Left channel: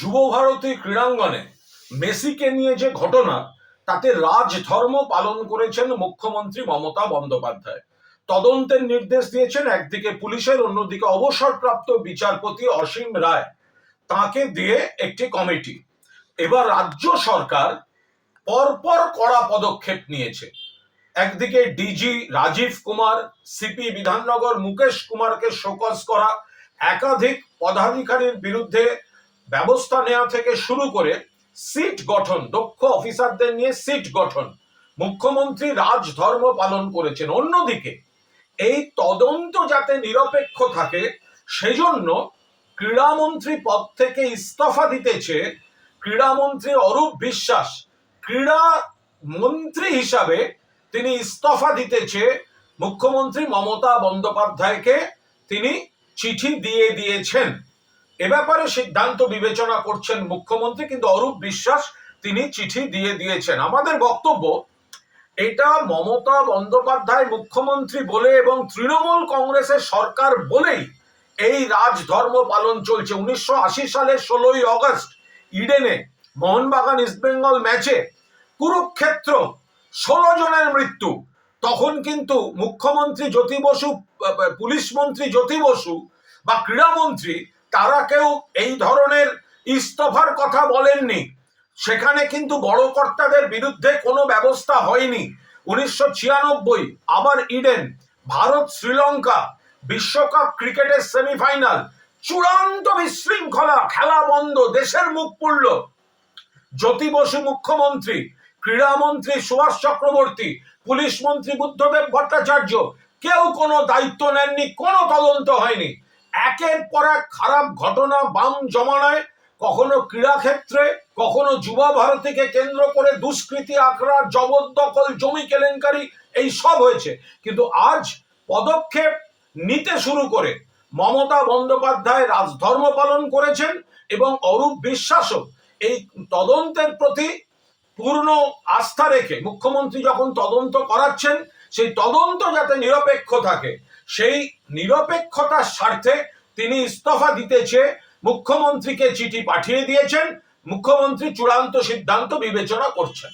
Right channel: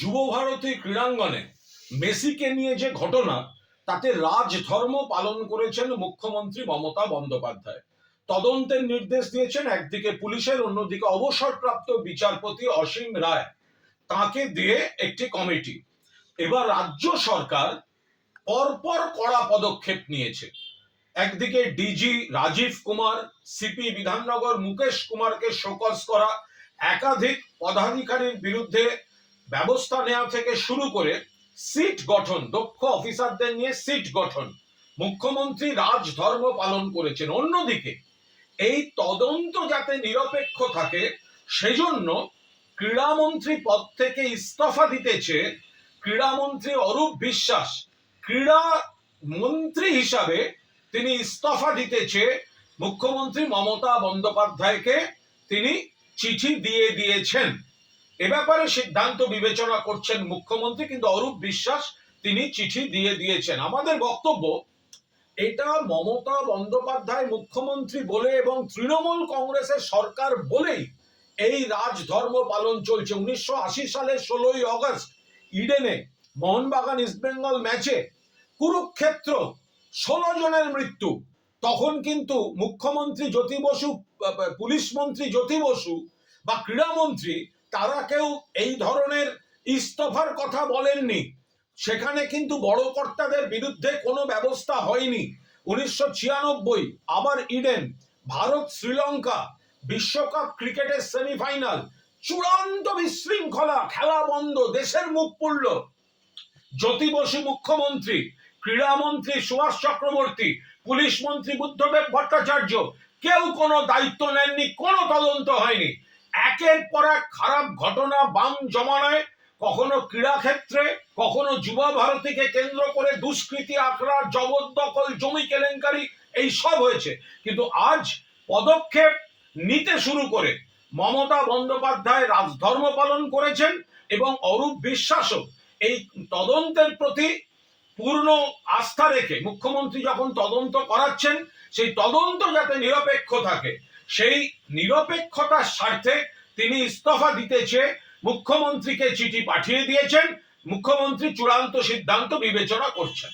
যুবভারতী ক্রীড়াঙ্গনে মেসিকে নিয়ে যে ঘটনা, তাতে রাজধর্ম পালন করেছেন মুখ্যমন্ত্রী মমতা বন্দ্যোপাধ্যায়। তদন্তের নির্দেশ দিয়েছেন একদিকে পুলিশের, অন্যদিকে অবসরপ্রাপ্ত বিচারপতি অসীম রায়, তাকে দিয়ে একটি কমিটি। এবার রাজ্য সরকার পরপর কড়া পদক্ষেপ নিয়েছে। একদিকে ডিজি রাজীব কুমার, সিপি বিধাননগর মুকেশ কুমারকে শোকজ করা, একাধিক পদাধিকারীর বিরুদ্ধে ব্যবস্থা নেওয়া থেকে শুরু করে সিট গঠন, দক্ষ অফিসারদের নিয়ে সিট গঠন, মুখ্যমন্ত্রী রাজধর্ম পালন করেছেন। অন্যদিকে এই তদন্ত যাতে নিরপেক্ষ থাকে সেজন্য ক্রীড়ামন্ত্রী পদ থেকে ইস্তফা দিতেছে ক্রীড়ামন্ত্রী অরূপ বিশ্বাস। ক্রীড়া মন্ত্রী হিসাবে তিনি ইস্তফা দিতেছে মুখ্যমন্ত্রী মমতা বন্দ্যোপাধ্যায়কে তিনি চিঠি দিয়ে দিয়েছেন। এ ব্যাপারে সিদ্ধান্ত বিবেচনা করছেন মুখ্যমন্ত্রী, কিন্তু অরূপ বিশ্বাস তিনি চিঠি দিয়ে দিয়েছেন। আমাদের বক্তব্য, এটা মমতা বন্দ্যোপাধ্যায় মুখ্যমন্ত্রী বলে এবং তৃণমূল কংগ্রেসের সরকার বলেই এই রাজধর্ম পালন চলছে। 1980 সালের 16ই অগস্ট ইডেনে মোহনবাগান ইস্টবেঙ্গল ম্যাচে কুরুক্ষেত্র 16 জনের মৃত্যু। তখন কিন্তু মুখ্যমন্ত্রী জ্যোতি বসু, পুলিশ মন্ত্রী জ্যোতি বসু বা ক্রীড়ামন্ত্রী, তারা কেউ এই ধরনের ইস্তফার কথা বলেননি। সেখানে কিন্তু বড় কর্তাদের বিরুদ্ধে কোনো ব্যবস্থা হয়নি। 1996 আবার ইডেন, ভারত শ্রীলঙ্কা বিশ্বকাপ ক্রিকেটের সেমিফাইনাল, চূড়ান্ত বিশৃঙ্খলা, খেলা বন্ধ, দেশের মুখ পুড়ল। জ্যোতি বসু মুখ্যমন্ত্রী, ক্রীড়ামন্ত্রী সুভাষ চক্রবর্তী, পুলিশ মন্ত্রী বুদ্ধদেব ভট্টাচার্য কেউ কোনো দায়িত্ব নেননি, কোনো তদন্ত হয়নি। একের পর এক খারাপ ঘটনা বাম জমানায়, কখনো ক্রীড়াক্ষেত্রে, কখনো যুবা ভারতীকে কেন্দ্র করে দুষ্কৃতি, আখড়া, জবরদখল, জমি কেলেঙ্কারি, এই সব হয়েছে। কিন্তু আজ পদক্ষেপ নিতে শুরু করে মমতা বন্দ্যোপাধ্যায় রাজধর্ম পালন করেছেন এবং অরূপ বিশ্বাসও এই তদন্তের প্রতি পূর্ণ আস্থা রেখে মুখ্যমন্ত্রী যখন তদন্ত করাচ্ছেন, সেই তদন্ত যাতে নিরপেক্ষ থাকে, সেই নিরপেক্ষতার স্বার্থে তিনি ইস্তফা দিতেছে মুখ্যমন্ত্রীকে চিঠি পাঠিয়ে দিয়েছেন। মুখ্যমন্ত্রী চূড়ান্ত সিদ্ধান্ত বিবেচনা করছেন।